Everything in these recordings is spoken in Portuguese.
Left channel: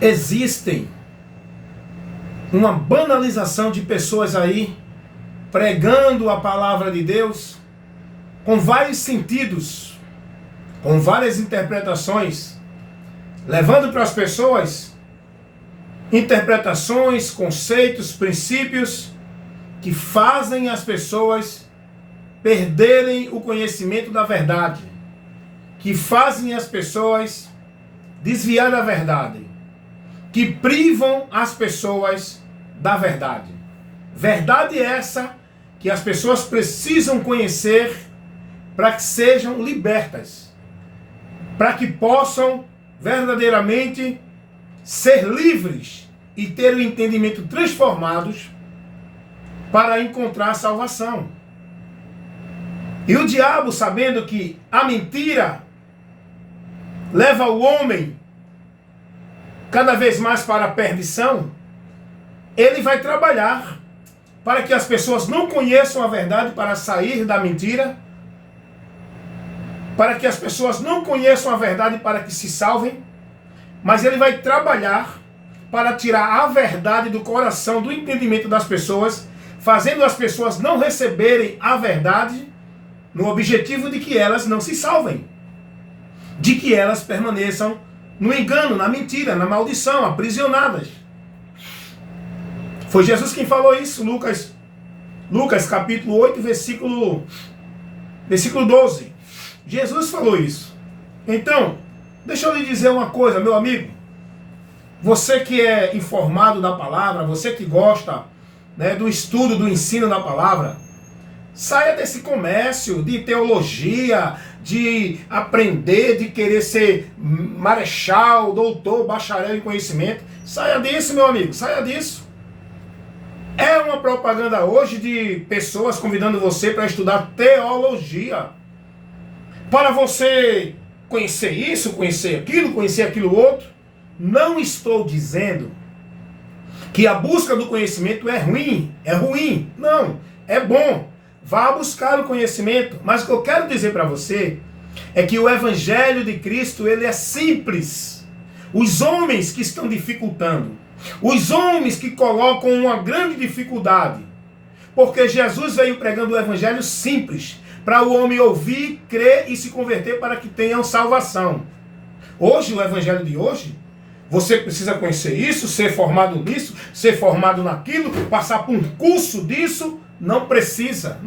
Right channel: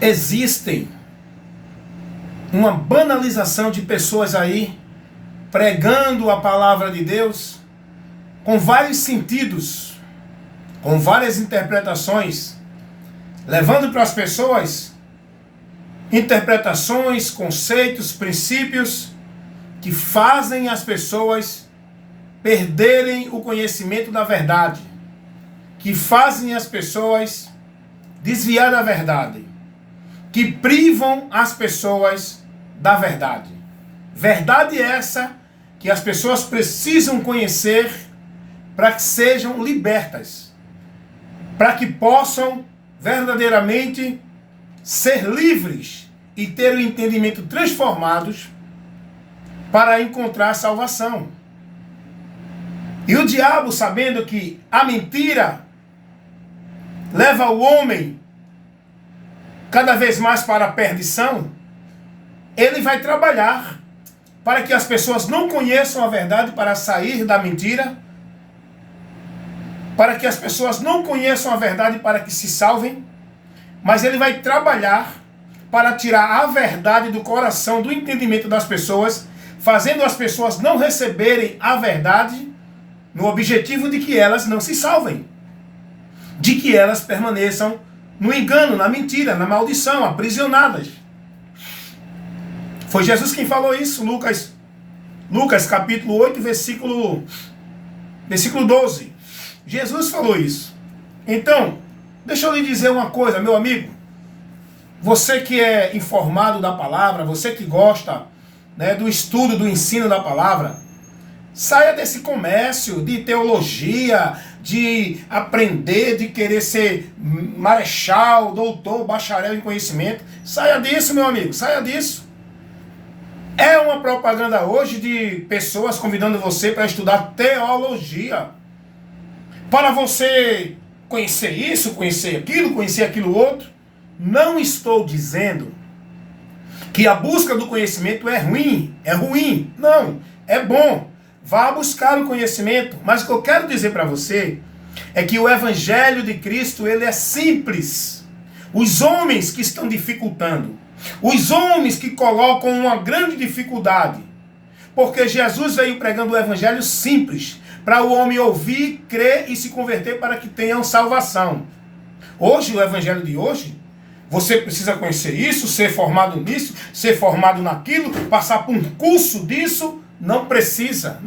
Existem uma banalização de pessoas aí pregando a palavra de Deus com vários sentidos, com várias interpretações, levando para as pessoas interpretações, conceitos, princípios que fazem as pessoas perderem o conhecimento da verdade, que fazem as pessoas desviar da verdade, que privam as pessoas da verdade. Verdade essa que as pessoas precisam conhecer para que sejam libertas, para que possam verdadeiramente ser livres e ter o entendimento transformados para encontrar salvação. E o diabo, sabendo que a mentira leva o homem cada vez mais para a perdição, ele vai trabalhar para que as pessoas não conheçam a verdade para sair da mentira, para que as pessoas não conheçam a verdade para que se salvem, mas ele vai trabalhar para tirar a verdade do coração, do entendimento das pessoas, fazendo as pessoas não receberem a verdade no objetivo de que elas não se salvem, de que elas permaneçam no engano, na mentira, na maldição, aprisionadas. Foi Jesus quem falou isso, Lucas capítulo 8, versículo 12. Jesus falou isso. Então, deixa eu lhe dizer uma coisa, meu amigo. Você que é informado da palavra, você que gosta, né, do estudo, do ensino da palavra, saia desse comércio de teologia, de aprender, de querer ser marechal, doutor, bacharel em conhecimento. Saia disso, meu amigo, saia disso. É uma propaganda hoje de pessoas convidando você para estudar teologia. Para você conhecer isso, conhecer aquilo outro. Não estou dizendo que a busca do conhecimento é ruim. Não, é bom. Vá buscar o conhecimento. Mas o que eu quero dizer para você é que o Evangelho de Cristo, ele é simples. Os homens que estão dificultando, os homens que colocam uma grande dificuldade, porque Jesus veio pregando o Evangelho simples, para o homem ouvir, crer e se converter para que tenham salvação. Hoje, o Evangelho de hoje, você precisa conhecer isso, ser formado nisso, ser formado naquilo, passar por um curso disso. Não precisa.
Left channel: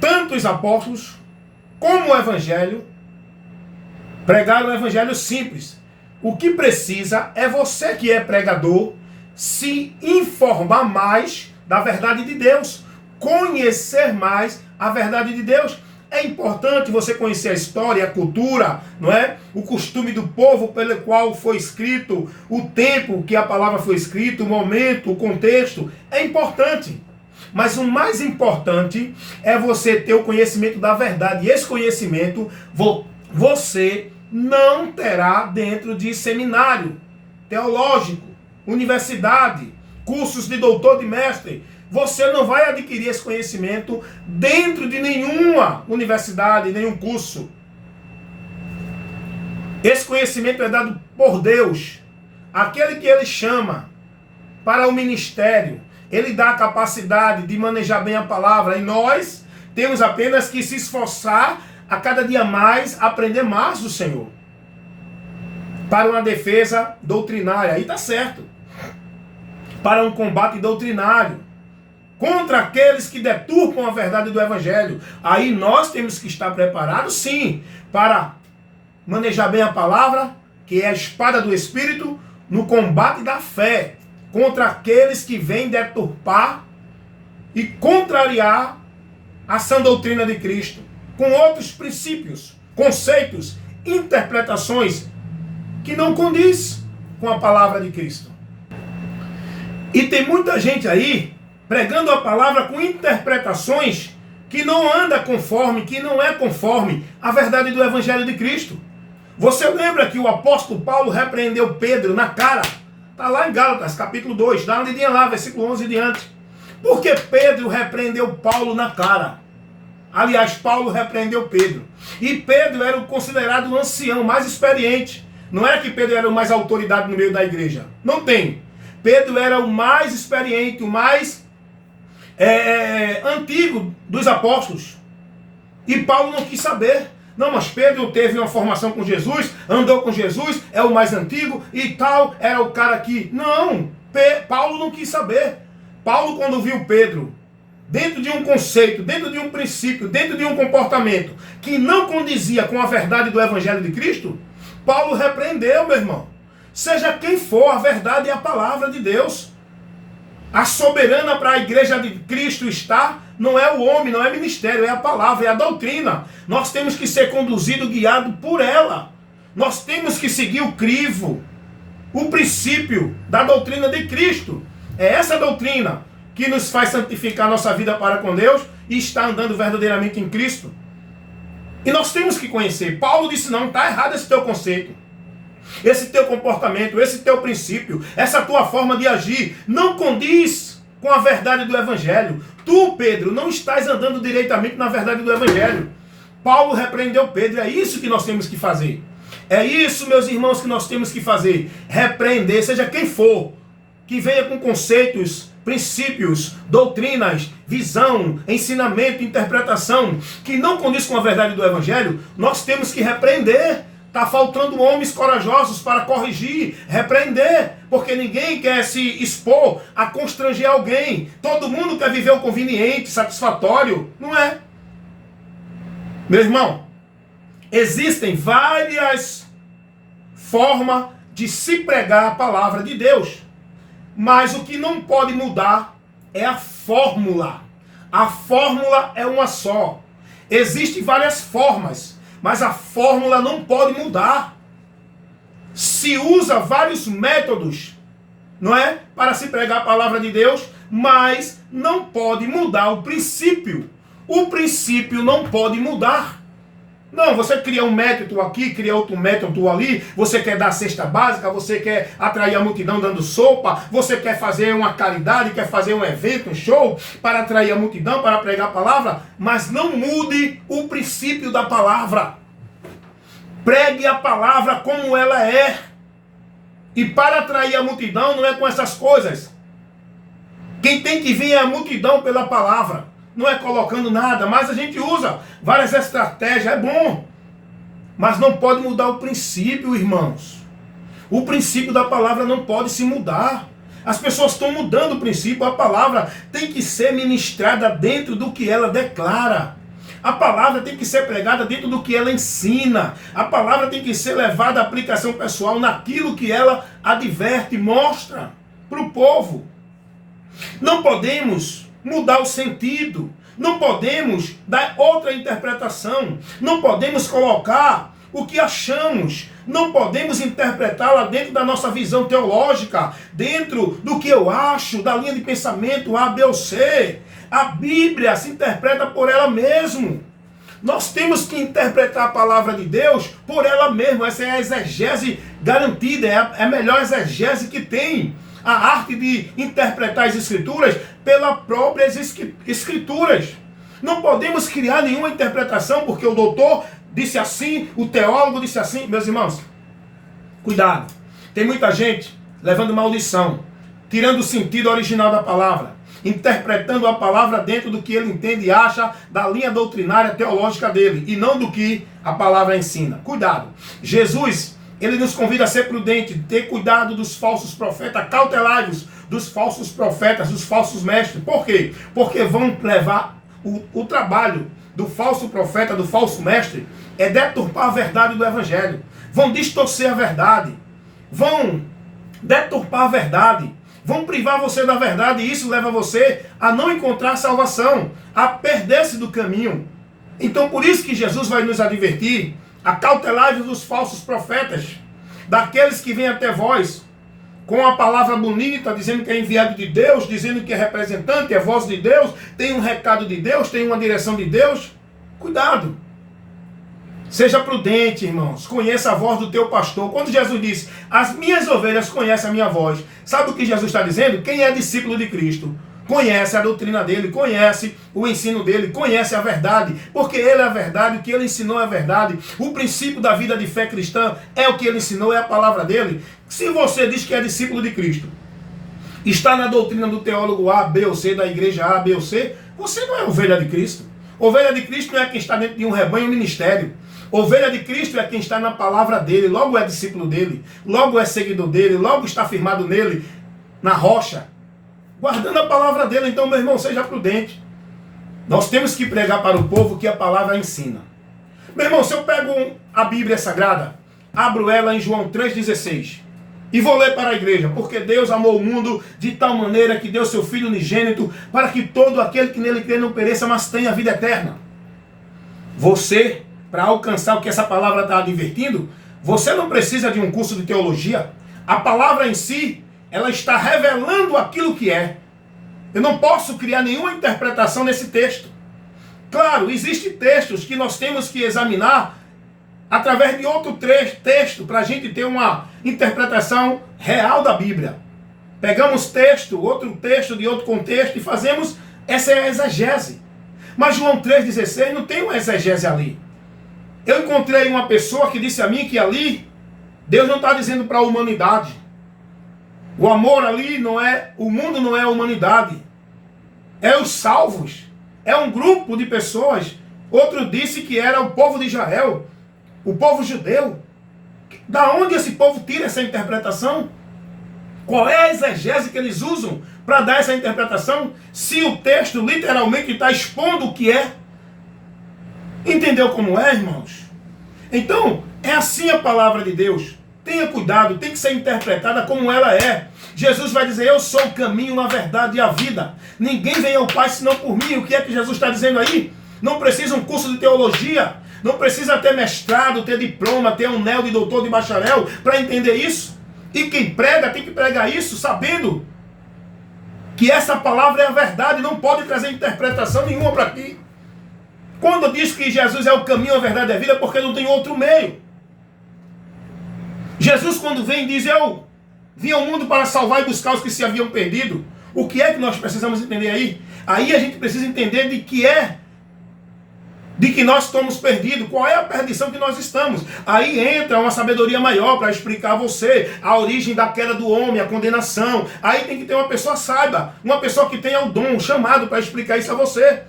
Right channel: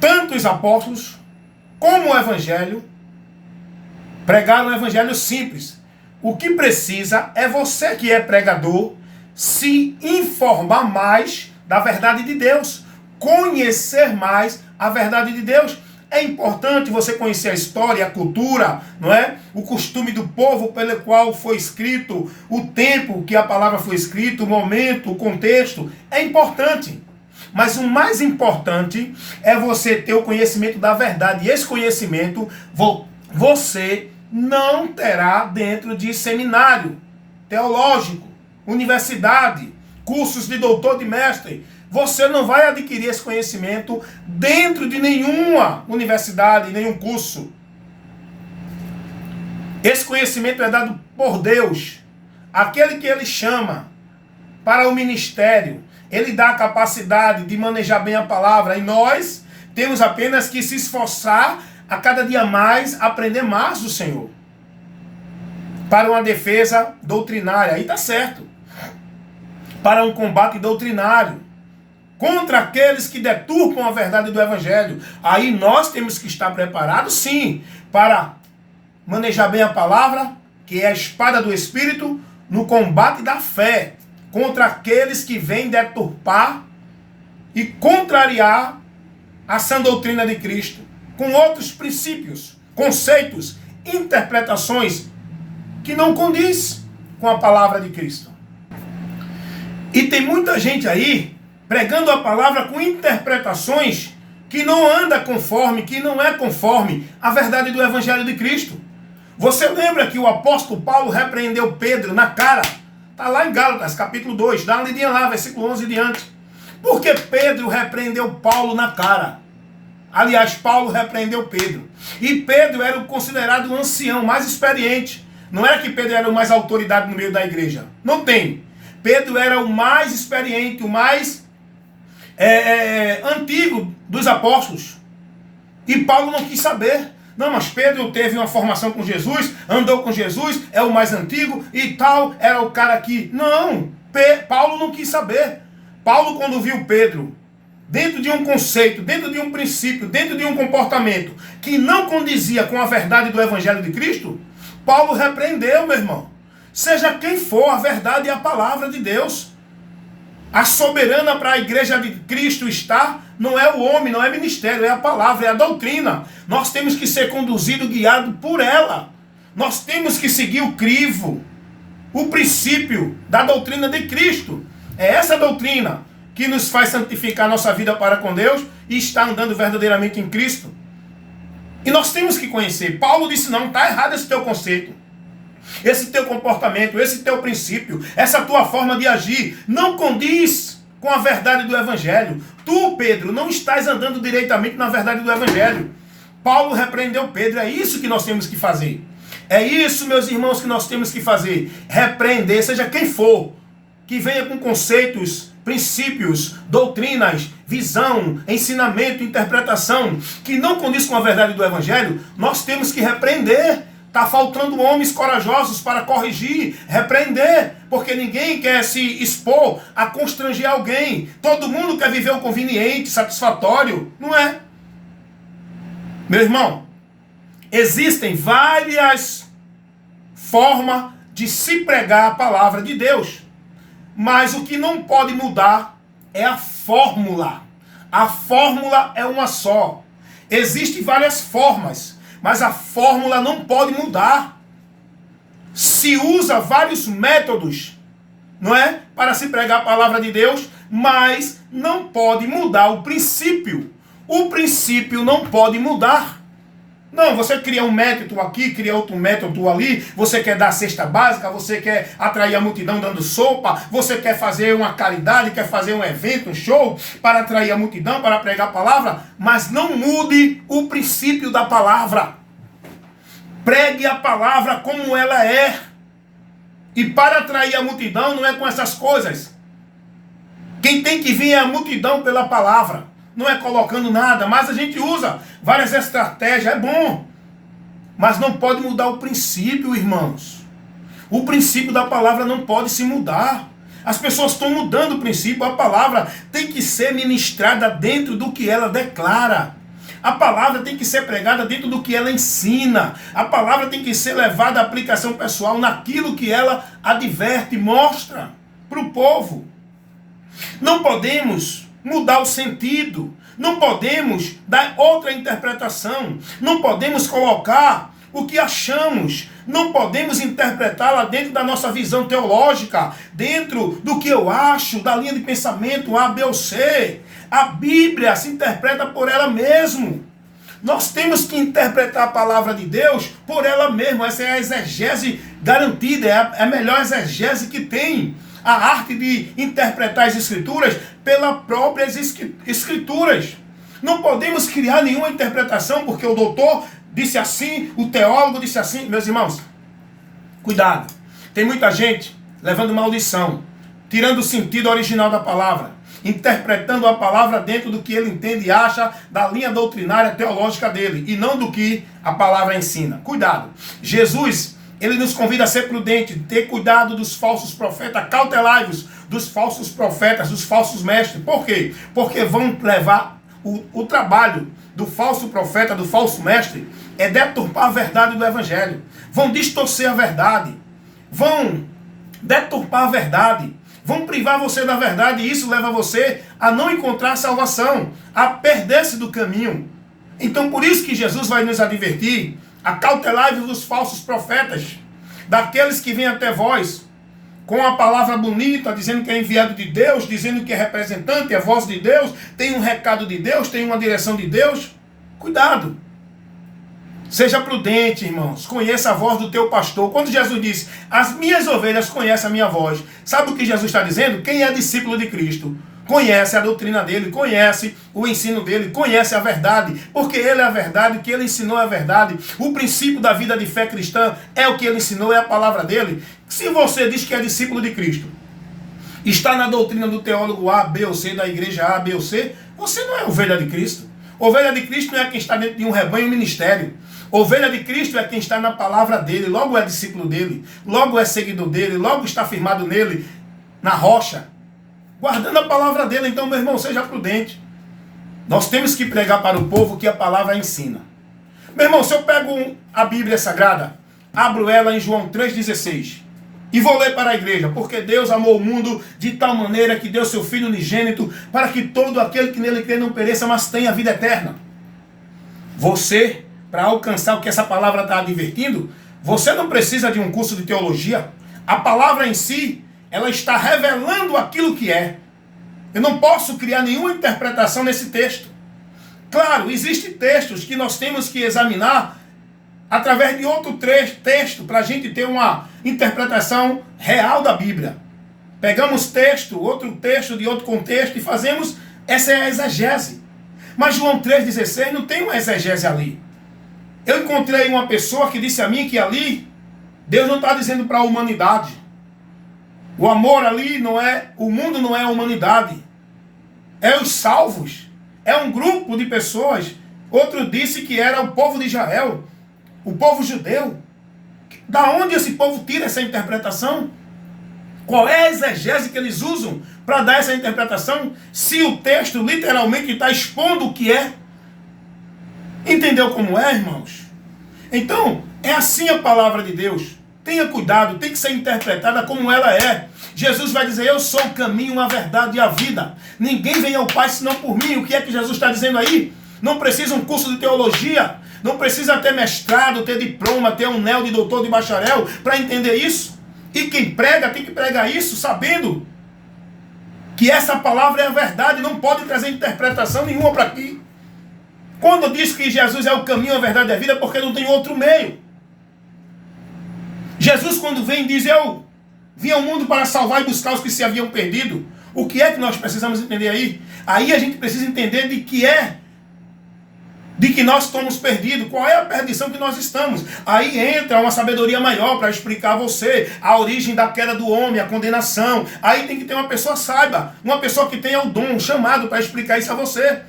Tanto os apóstolos como o Evangelho pregaram um Evangelho simples. O que precisa é você que é pregador se informar mais da verdade de Deus, conhecer mais a verdade de Deus. É importante você conhecer a história, a cultura, não é? O costume do povo pelo qual foi escrito, o tempo que a palavra foi escrita, o momento, o contexto. É importante. Mas o mais importante é você ter o conhecimento da verdade. E esse conhecimento você não terá dentro de seminário teológico, universidade, cursos de doutor, de mestre. Você não vai adquirir esse conhecimento dentro de nenhuma universidade, nenhum curso. Esse conhecimento é dado por Deus, aquele que Ele chama para o ministério. Ele dá a capacidade de manejar bem a palavra, e nós temos apenas que se esforçar a cada dia mais, aprender mais do Senhor. Para uma defesa doutrinária, aí está certo. Para um combate doutrinário, contra aqueles que deturpam a verdade do Evangelho. Aí nós temos que estar preparados, sim, para manejar bem a palavra, que é a espada do Espírito, no combate da fé, contra aqueles que vêm deturpar e contrariar a sã doutrina de Cristo, com outros princípios, conceitos, interpretações que não condiz com a palavra de Cristo. E tem muita gente aí pregando a palavra com interpretações que não anda conforme, que não é conforme a verdade do Evangelho de Cristo. Você lembra que o apóstolo Paulo repreendeu Pedro na cara? Está lá em Gálatas, capítulo 2, dá uma lidinha lá, versículo 11 e diante. Por que Pedro repreendeu Paulo na cara? Aliás, Paulo repreendeu Pedro. E Pedro era o considerado um ancião, mais experiente. Não era que Pedro era o mais autoridade no meio da igreja. Não tem. Pedro era o mais experiente, o mais antigo dos apóstolos. E Paulo não quis saber. Não, mas Pedro teve uma formação com Jesus, andou com Jesus, é o mais antigo e tal, era o cara que... Não, Paulo não quis saber. Paulo, quando viu Pedro dentro de um conceito, dentro de um princípio, dentro de um comportamento que não condizia com a verdade do Evangelho de Cristo, Paulo repreendeu, meu irmão. Seja quem for, a verdade é a palavra de Deus. A soberana para a igreja de Cristo está, não é o homem, não é ministério, é a palavra, é a doutrina. Nós temos que ser conduzidos, guiados por ela. Nós temos que seguir o crivo, o princípio da doutrina de Cristo. É essa doutrina que nos faz santificar nossa vida para com Deus e estar andando verdadeiramente em Cristo. E nós temos que conhecer. Paulo disse, não, está errado esse teu conceito. Esse teu comportamento, esse teu princípio, essa tua forma de agir, não condiz com a verdade do Evangelho. Tu, Pedro, não estás andando diretamente na verdade do Evangelho. Paulo repreendeu Pedro, é isso que nós temos que fazer. É isso, meus irmãos, que nós temos que fazer. Repreender, seja quem for, que venha com conceitos, princípios, doutrinas, visão, ensinamento, interpretação, que não condiz com a verdade do Evangelho, nós temos que repreender. Está faltando homens corajosos para corrigir, repreender, porque ninguém quer se expor a constranger alguém. Todo mundo quer viver o conveniente, satisfatório, não é? Meu irmão, existem várias formas de se pregar a palavra de Deus, mas o que não pode mudar é a fórmula. A fórmula é uma só. Existem várias formas, mas a fórmula não pode mudar. Se usa vários métodos, não é? Para se pregar a palavra de Deus, mas não pode mudar o princípio. O princípio não pode mudar. Não, você cria um método aqui, cria outro método ali, você quer dar cesta básica, você quer atrair a multidão dando sopa, você quer fazer uma caridade, quer fazer um evento, um show, para atrair a multidão, para pregar a palavra, mas não mude o princípio da palavra. Pregue a palavra como ela é. E para atrair a multidão não é com essas coisas. Quem tem que vir é a multidão pela palavra. Não é colocando nada, mas a gente usa várias estratégias, é bom. Mas não pode mudar o princípio, irmãos. O princípio da palavra não pode se mudar. As pessoas estão mudando o princípio, a palavra tem que ser ministrada dentro do que ela declara. A palavra tem que ser pregada dentro do que ela ensina. A palavra tem que ser levada à aplicação pessoal naquilo que ela adverte, mostra para o povo. Não podemos mudar o sentido, não podemos dar outra interpretação, não podemos colocar o que achamos, não podemos interpretá-la dentro da nossa visão teológica, dentro do que eu acho, da linha de pensamento A, B ou C. A Bíblia se interpreta por ela mesma. Nós temos que interpretar a palavra de Deus por ela mesma. Essa é a exegese garantida, é a melhor exegese que tem. A arte de interpretar as Escrituras pelas próprias Escrituras. Não podemos criar nenhuma interpretação porque o doutor disse assim, o teólogo disse assim. Meus irmãos, cuidado. Tem muita gente levando maldição, tirando o sentido original da palavra, interpretando a palavra dentro do que ele entende e acha da linha doutrinária teológica dele, e não do que a palavra ensina. Cuidado. Jesus, ele nos convida a ser prudente, ter cuidado dos falsos profetas, cautelai-vos dos falsos profetas, dos falsos mestres. Por quê? Porque vão levar o trabalho do falso profeta, do falso mestre, é deturpar a verdade do Evangelho. Vão distorcer a verdade, vão deturpar a verdade, vão privar você da verdade, e isso leva você a não encontrar salvação, a perder-se do caminho. Então por isso que Jesus vai nos advertir: acautelai-vos dos falsos profetas, daqueles que vêm até vós com a palavra bonita, dizendo que é enviado de Deus, dizendo que é representante, é voz de Deus, tem um recado de Deus, tem uma direção de Deus. Cuidado. Seja prudente, irmãos. Conheça a voz do teu pastor. Quando Jesus disse, as minhas ovelhas conhecem a minha voz, sabe o que Jesus está dizendo? Quem é discípulo de Cristo conhece a doutrina dele, conhece o ensino dele, conhece a verdade, porque ele é a verdade, o que ele ensinou é a verdade. O princípio da vida de fé cristã é o que ele ensinou, é a palavra dele. Se você diz que é discípulo de Cristo, está na doutrina do teólogo A, B ou C, da igreja A, B ou C, você não é ovelha de Cristo. Ovelha de Cristo não é quem está dentro de um rebanho, um ministério. Ovelha de Cristo é quem está na palavra dele, logo é discípulo dele, logo é seguidor dele, logo está firmado nele, na rocha, guardando a palavra dele. Então, meu irmão, seja prudente. Nós temos que pregar para o povo que a palavra ensina. Meu irmão, se eu pego a Bíblia Sagrada, abro ela em João 3,16 e vou ler para a igreja, porque Deus amou o mundo de tal maneira que deu seu Filho unigênito para que todo aquele que nele crê não pereça, mas tenha vida eterna. Você, para alcançar o que essa palavra está advertindo, você não precisa de um curso de teologia. A palavra em si, ela está revelando aquilo que é. Eu não posso criar nenhuma interpretação nesse texto. Claro, existem textos que nós temos que examinar através de outro texto para a gente ter uma interpretação real da Bíblia. Pegamos outro texto de outro contexto e fazemos essa exegese. Mas João 3,16 não tem uma exegese ali. Eu encontrei uma pessoa que disse a mim que ali Deus não está dizendo para a humanidade. O amor ali não é, o mundo não é a humanidade. É os salvos. É um grupo de pessoas. Outro disse que era o povo de Israel, o povo judeu. Da onde esse povo tira essa interpretação? Qual é a exegese que eles usam para dar essa interpretação? Se o texto literalmente está expondo o que é. Entendeu como é, irmãos? Então, é assim a palavra de Deus. Tenha cuidado, tem que ser interpretada como ela é. Jesus vai dizer, eu sou o caminho, a verdade e a vida. Ninguém vem ao Pai senão por mim. O que é que Jesus está dizendo aí? Não precisa um curso de teologia, não precisa ter mestrado, ter diploma, ter um anel de doutor, de bacharel, para entender isso. E quem prega tem que pregar isso sabendo que essa palavra é a verdade, não pode trazer interpretação nenhuma para aqui. Quando diz que Jesus é o caminho, a verdade e a vida, é porque não tem outro meio. Jesus, quando vem, diz, eu vim ao mundo para salvar e buscar os que se haviam perdido. O que é que nós precisamos entender aí? Aí a gente precisa entender de que nós estamos perdidos, qual é a perdição que nós estamos. Aí entra uma sabedoria maior para explicar a você a origem da queda do homem, a condenação. Aí tem que ter uma pessoa saiba, uma pessoa que tenha o dom, o chamado para explicar isso a você.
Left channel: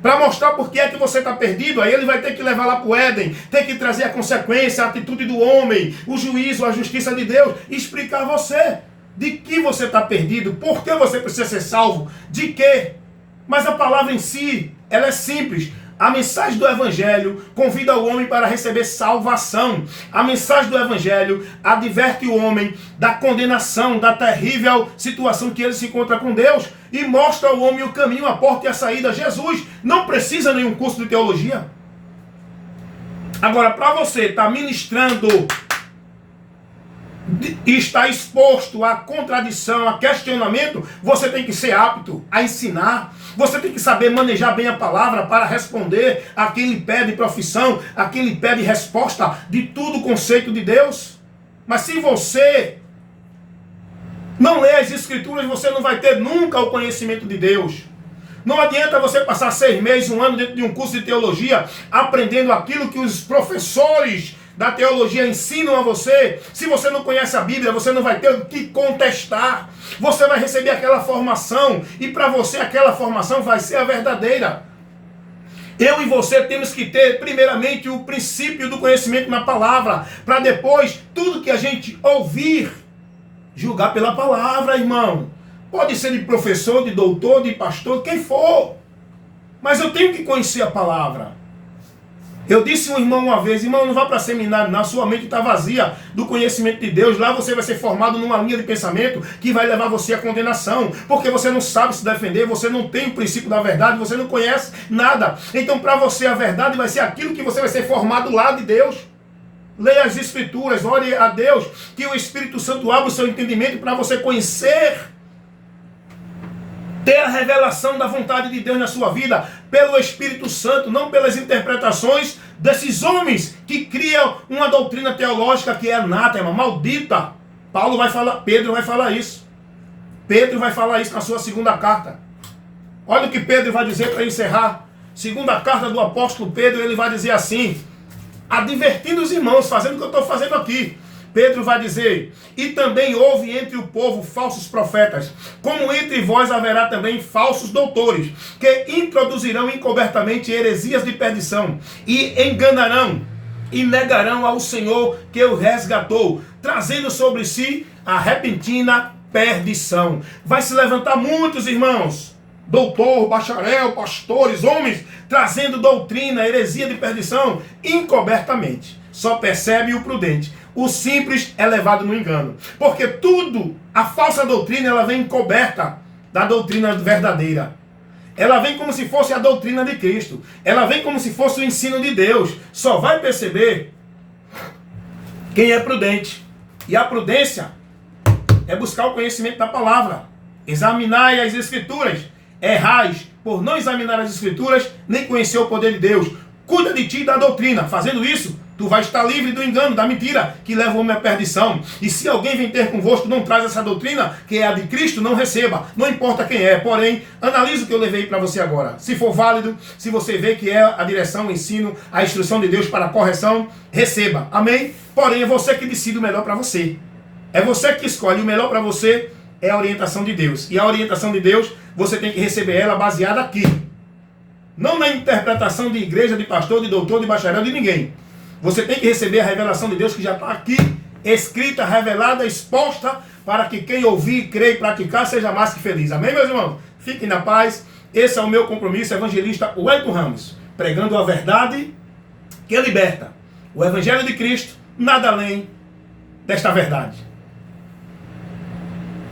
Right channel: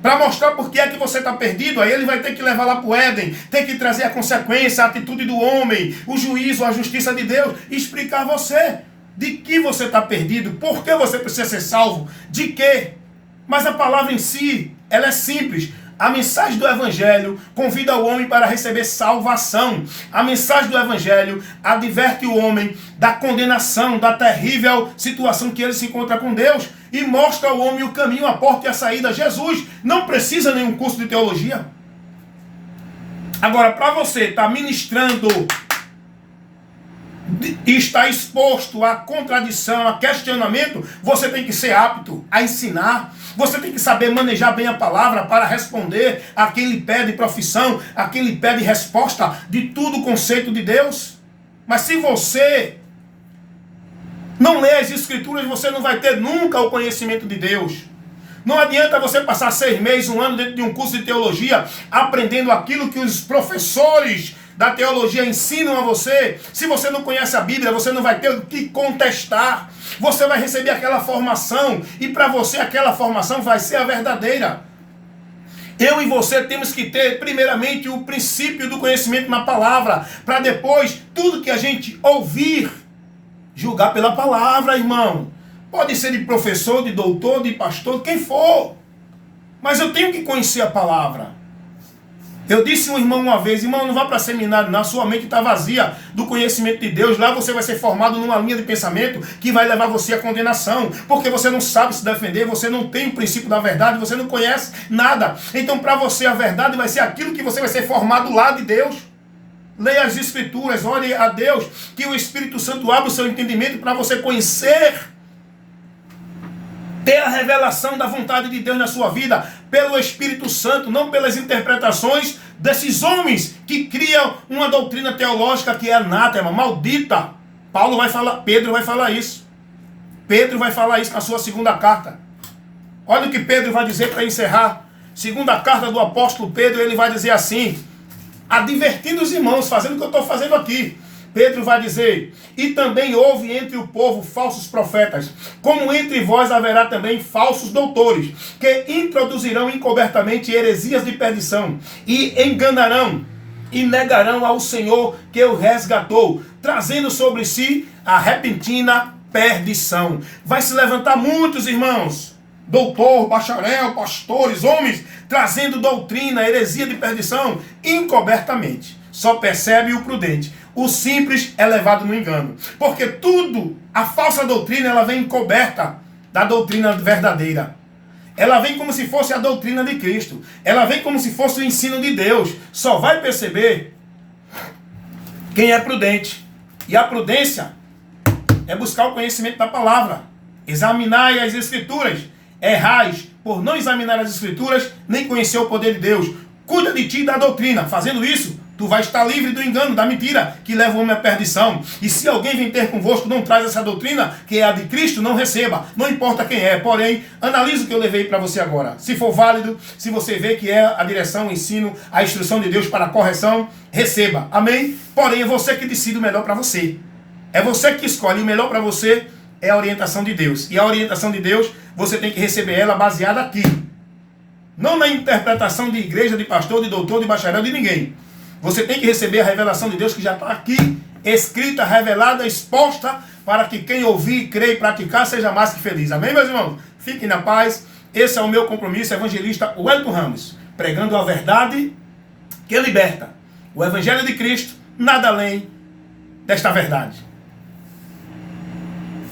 Para mostrar por que é que você está perdido, aí ele vai ter que levar lá para o Éden, tem que trazer a consequência, a atitude do homem, o juízo, a justiça de Deus, e explicar a você de que você está perdido, por que você precisa ser salvo, de quê. Mas a palavra em si, ela é simples. A mensagem do Evangelho convida o homem para receber salvação. A mensagem do Evangelho adverte o homem da condenação, da terrível situação que ele se encontra com Deus e mostra ao homem o caminho, a porta e a saída. Jesus não precisa de nenhum curso de teologia. Agora, para você estar ministrando e estar exposto à contradição, a questionamento, você tem que ser apto a ensinar. Você tem que saber manejar bem a palavra para responder a quem lhe pede profissão, a quem lhe pede resposta de tudo o conceito de Deus. Mas se você não lê as Escrituras, você não vai ter nunca o conhecimento de Deus. Não adianta você passar 6 meses, 1 ano dentro de um curso de teologia, aprendendo aquilo que os professores da teologia ensinam a você. Se você não conhece a Bíblia, você não vai ter o que contestar. Você vai receber aquela formação e para você aquela formação vai ser a verdadeira. Eu e você temos que ter primeiramente o princípio do conhecimento na palavra, para depois tudo que a gente ouvir, julgar pela palavra, irmão. Pode ser de professor, de doutor, de pastor, quem for. Mas eu tenho que conhecer a palavra. Eu disse a um irmão uma vez, irmão, não vá para seminário, não, sua mente está vazia do conhecimento de Deus. Lá você vai ser formado numa linha de pensamento que vai levar você à condenação. Porque você não sabe se defender, você não tem o princípio da verdade, você não conhece nada. Então para você a verdade vai ser aquilo que você vai ser formado lá de Deus. Leia as Escrituras, ore a Deus, que o Espírito Santo abra o seu entendimento para você conhecer, ter a revelação da vontade de Deus na sua vida, pelo Espírito Santo, não pelas interpretações desses homens que criam uma doutrina teológica que é anátema, maldita. Pedro vai falar isso. Pedro vai falar isso na sua segunda carta. Olha o que Pedro vai dizer para encerrar. Segunda carta do apóstolo Pedro, ele vai dizer assim, advertindo os irmãos, fazendo o que eu estou fazendo aqui. Pedro vai dizer, e também houve entre o povo falsos profetas, como entre vós haverá também falsos doutores, que introduzirão encobertamente heresias de perdição, e enganarão, e negarão ao Senhor que o resgatou, trazendo sobre si a repentina perdição. Vai se levantar muitos irmãos, doutor, bacharel, pastores, homens, trazendo doutrina, heresia de perdição, encobertamente. Só percebe o prudente. O simples é levado no engano. Porque tudo, a falsa doutrina, ela vem encoberta da doutrina verdadeira. Ela vem como se fosse a doutrina de Cristo. Ela vem como se fosse o ensino de Deus. Só vai perceber quem é prudente. E a prudência é buscar o conhecimento da palavra. Examinai as Escrituras. Errais por não examinar as Escrituras, nem conhecer o poder de Deus. Cuida de ti e da doutrina. Fazendo isso, tu vai estar livre do engano, da mentira, que leva o homem à perdição. E se alguém vem ter convosco, não traz essa doutrina, que é a de Cristo, não receba. Não importa quem é. Porém, analise o que eu levei para você agora. Se for válido, se você vê que é a direção, o ensino, a instrução de Deus para a correção, receba. Amém? Porém, é você que decide o melhor para você. É você que escolhe. O melhor para você é a orientação de Deus. E a orientação de Deus, você tem que receber ela baseada aqui. Não na interpretação de igreja, de pastor, de doutor, de bacharel, de ninguém. Você tem que receber a revelação de Deus que já está aqui, escrita, revelada, exposta, para que quem ouvir, crer e praticar seja mais que feliz. Amém, meus irmãos? Fiquem na paz. Esse é o meu compromisso, evangelista Wellington Ramos, pregando a verdade que liberta. O Evangelho de Cristo, nada além desta verdade.